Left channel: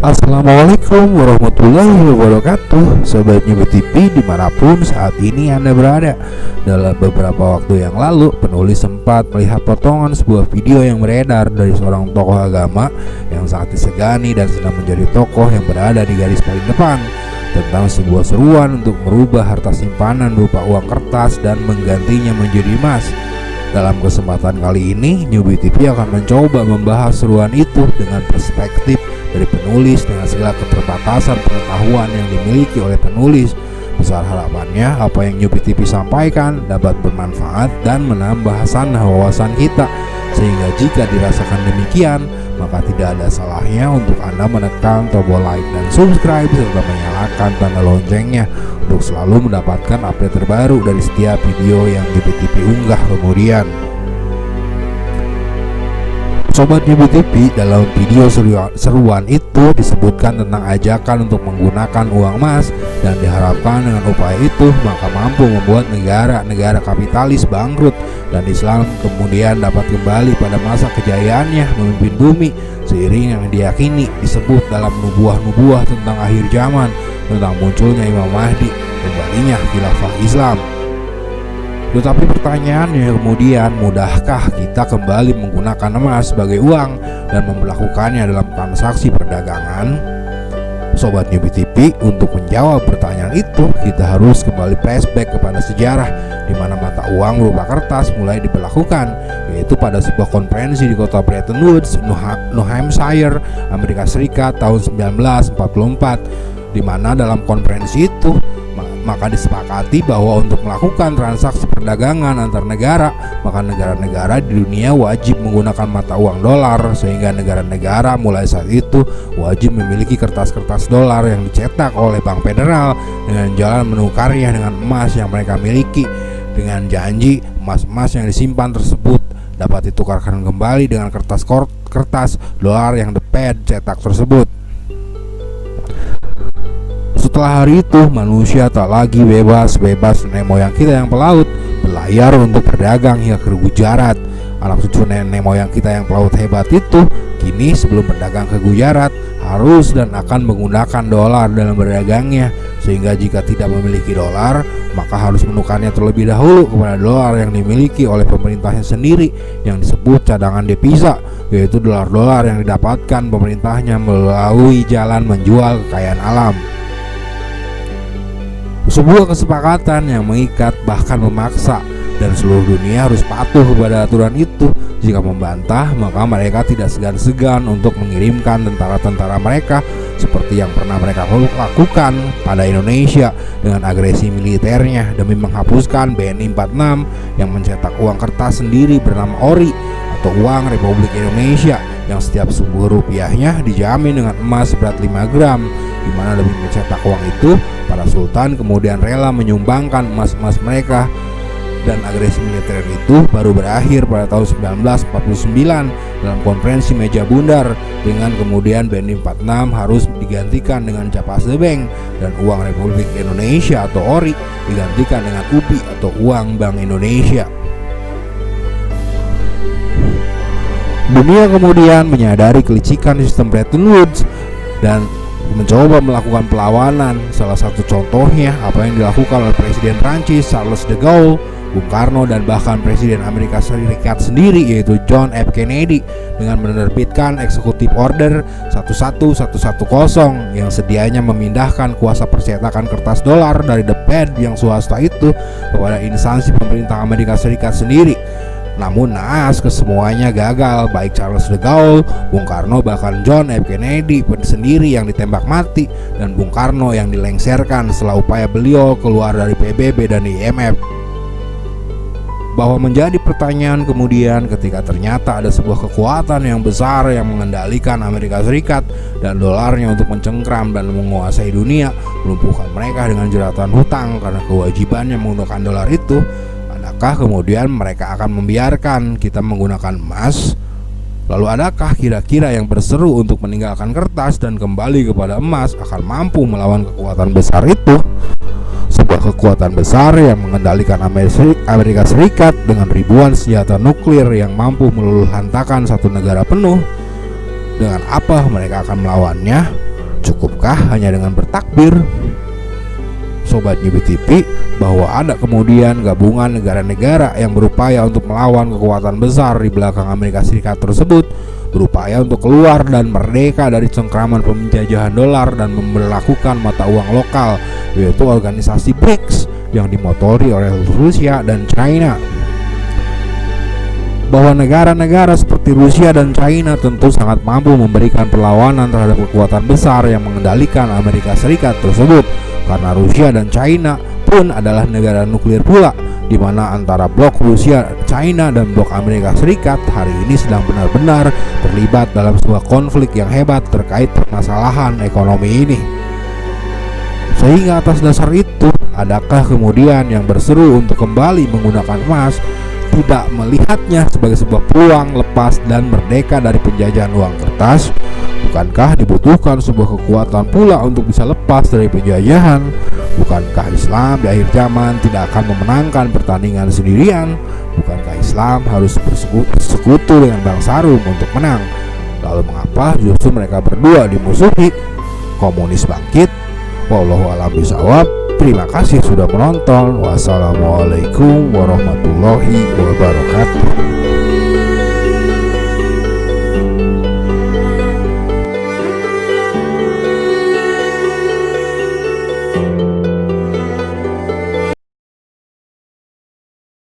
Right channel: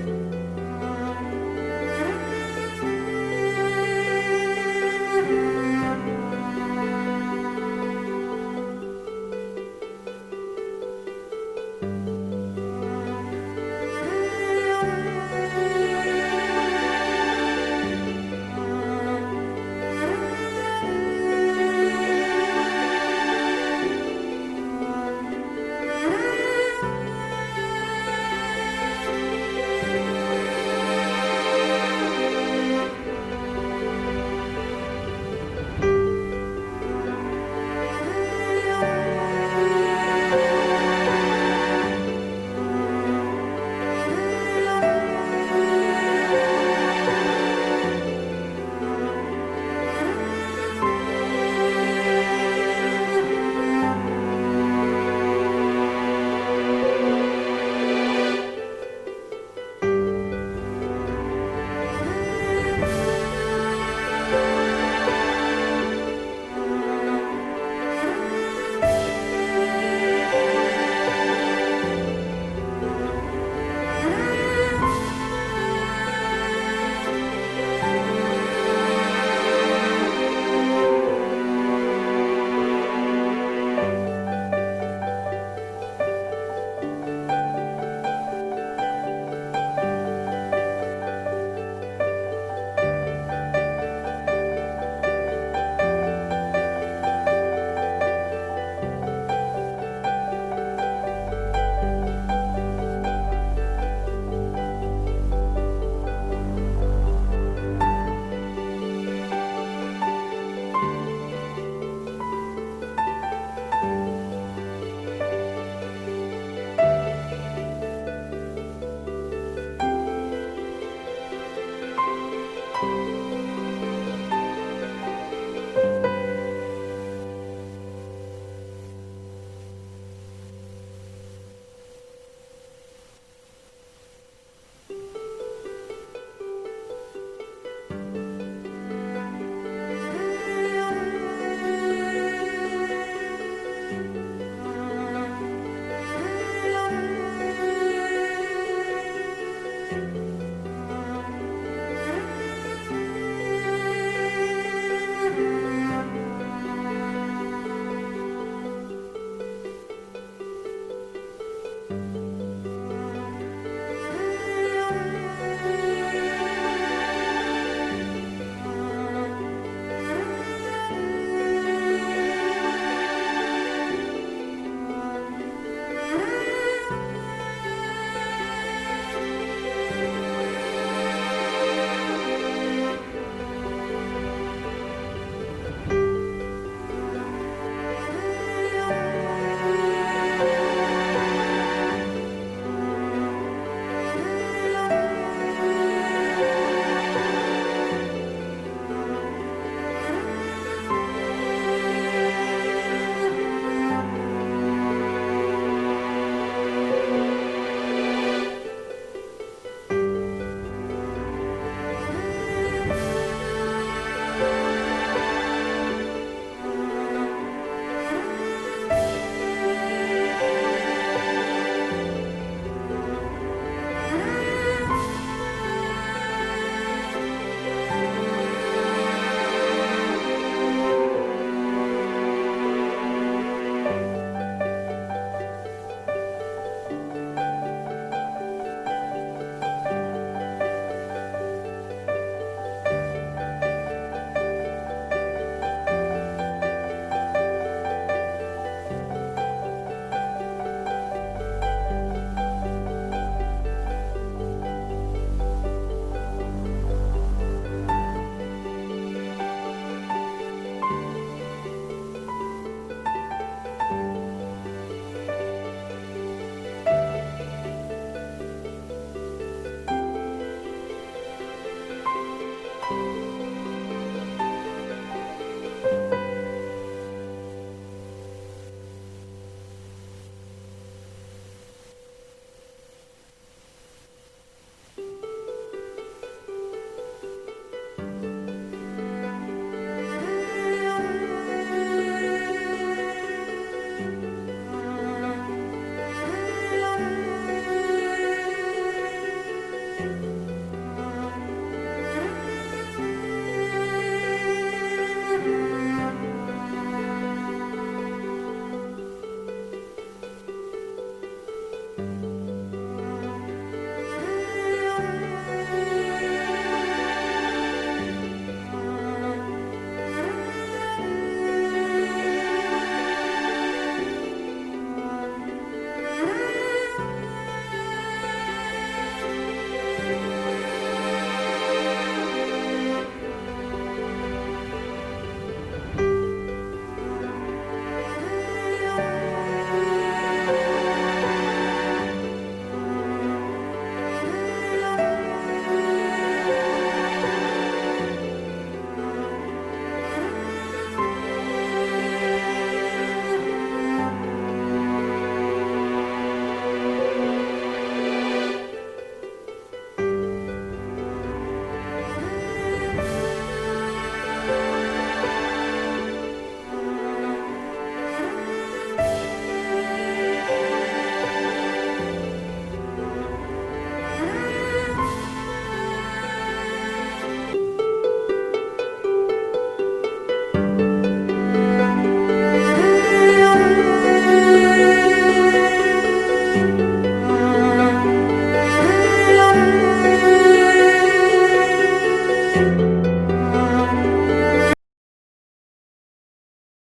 Assalamualaikum warahmatullahi wabarakatuh. Sobat Nyubi TV dimanapun saat ini Anda berada. Dalam beberapa waktu yang lalu, penulis sempat melihat potongan sebuah video yang beredar dari seorang tokoh agama yang sangat disegani dan sedang menjadi tokoh yang berada di garis paling depan, tentang sebuah seruan untuk merubah harta simpanan berupa uang kertas dan menggantinya menjadi emas. Dalam kesempatan kali ini, Nyubi TV akan mencoba membahas seruan itu dengan perspektif dari penulis dengan segala keterbatasan pengetahuan yang dimiliki oleh penulis. Besar harapannya apa yang Nyubi TV sampaikan dapat bermanfaat dan menambah sanah wawasan kita, sehingga jika dirasakan demikian, maka tidak ada salahnya untuk Anda menekan tombol like dan subscribe serta menyalakan tanda loncengnya untuk selalu mendapatkan update terbaru dari setiap video yang Nyubi TV unggah kemudian. Sobat Nyubi TV, dalam video seruan itu disebutkan tentang ajakan untuk menggunakan uang emas, dan diharapkan dengan upaya itu maka mampu membuat negara-negara kapitalis bangkrut dan Islam kemudian dapat kembali pada masa kejayaannya memimpin bumi, seiring yang diyakini disebut dalam nubuah-nubuah tentang akhir zaman, tentang munculnya Imam Mahdi, kembalinya khilafah Islam. Tetapi pertanyaannya kemudian, mudahkah kita kembali menggunakan emas sebagai uang dan memperlakukannya dalam transaksi perdagangan? Sobat Nyubi TV, untuk menjawab pertanyaan itu, kita harus kembali flashback kepada sejarah di mana mata uang berupa kertas mulai diberlakukan, yaitu pada sebuah konferensi di kota Bretton Woods, New Hampshire, Amerika Serikat tahun 1944, di mana dalam konferensi itu maka disepakati bahwa untuk melakukan transaksi perdagangan antar negara, maka negara-negara di dunia wajib menggunakan mata uang dolar, sehingga negara-negara mulai saat itu wajib memiliki kertas-kertas dolar yang dicetak oleh Bank Federal dengan jalan menukarnya dengan emas yang mereka miliki, dengan janji emas-emas yang disimpan tersebut dapat ditukarkan kembali dengan kertas dolar yang The Fed cetak tersebut. Setelah hari itu, manusia tak lagi bebas nenek moyang kita yang pelaut berlayar untuk berdagang hingga ke Gujarat. Anak cucu nenek moyang kita yang pelaut hebat itu kini sebelum berdagang ke Gujarat harus dan akan menggunakan dolar dalam berdagangnya, sehingga jika tidak memiliki dolar maka harus menukarnya terlebih dahulu kepada dolar yang dimiliki oleh pemerintahnya sendiri yang disebut cadangan devisa, yaitu dolar-dolar yang didapatkan pemerintahnya melalui jalan menjual kekayaan alam. Sebuah kesepakatan yang mengikat bahkan memaksa, dan seluruh dunia harus patuh kepada aturan itu. Jika membantah, maka mereka tidak segan-segan untuk mengirimkan tentara-tentara mereka seperti yang pernah mereka lakukan pada Indonesia dengan agresi militernya demi menghapuskan BNI 46 yang mencetak uang kertas sendiri bernama ORI atau Uang Republik Indonesia, yang setiap sebuah rupiahnya dijamin dengan emas berat 5 gram, di mana demi mencetak uang itu para sultan kemudian rela menyumbangkan emas-emas mereka. Dan agresi militer itu baru berakhir pada tahun 1949 dalam konferensi meja bundar, dengan kemudian BNI 46 harus digantikan dengan Capas de Bank, dan uang Republik Indonesia atau ORI digantikan dengan UPI atau Uang Bank Indonesia. Dunia kemudian menyadari kelicikan sistem Bretton Woods dan mencoba melakukan perlawanan. Salah satu contohnya apa yang dilakukan oleh Presiden Prancis Charles de Gaulle, Bung Karno, dan bahkan Presiden Amerika Serikat sendiri yaitu John F. Kennedy dengan menerbitkan Executive Order 11110 yang sedianya memindahkan kuasa percetakan kertas dolar dari The Fed yang swasta itu kepada instansi pemerintah Amerika Serikat sendiri. Namun naas, kesemuanya gagal, baik Charles de Gaulle, Bung Karno, bahkan John F. Kennedy sendiri yang ditembak mati, dan Bung Karno yang dilengserkan setelah upaya beliau keluar dari PBB dan IMF. Bahwa menjadi pertanyaan kemudian ketika ternyata ada sebuah kekuatan yang besar yang mengendalikan Amerika Serikat dan dolarnya untuk mencengkram dan menguasai dunia, melumpuhkan mereka dengan jeratan hutang karena kewajibannya menggunakan dolar itu. Adakah kemudian mereka akan membiarkan kita menggunakan emas? Lalu adakah kira-kira yang berseru untuk meninggalkan kertas dan kembali kepada emas akan mampu melawan kekuatan besar itu? Sebuah kekuatan besar yang mengendalikan Amerika Serikat dengan ribuan senjata nuklir yang mampu meluluhlantakan satu negara penuh. Dengan apa mereka akan melawannya? Cukupkah hanya dengan bertakbir? Sobat Gibi TV, bahwa ada kemudian gabungan negara-negara yang berupaya untuk melawan kekuatan besar di belakang Amerika Serikat tersebut, berupaya untuk keluar dan merdeka dari cengkraman penjajahan dolar dan memberlakukan mata uang lokal, yaitu organisasi BRICS yang dimotori oleh Rusia dan China. Bahwa negara-negara seperti Rusia dan China tentu sangat mampu memberikan perlawanan terhadap kekuatan besar yang mengendalikan Amerika Serikat tersebut, karena Rusia dan China pun adalah negara nuklir pula, di mana antara blok Rusia, China, dan blok Amerika Serikat hari ini sedang benar-benar terlibat dalam sebuah konflik yang hebat terkait permasalahan ekonomi ini. Sehingga atas dasar itu, adakah kemudian yang berseru untuk kembali menggunakan emas, tidak melihatnya sebagai sebuah peluang lepas dan merdeka dari penjajahan uang kertas? Bukankah dibutuhkan sebuah kekuatan pula untuk bisa lepas dari penjajahan? Bukankah Islam di akhir zaman tidak akan memenangkan pertandingan sendirian? Bukankah Islam harus bersekutu dengan bangsa Rum untuk menang? Lalu mengapa justru mereka berdua dimusuhi? Komunis bangkit. Wallahu a'lam bishawab. Terima kasih sudah menonton. Wassalamualaikum warahmatullahi wabarakatuh.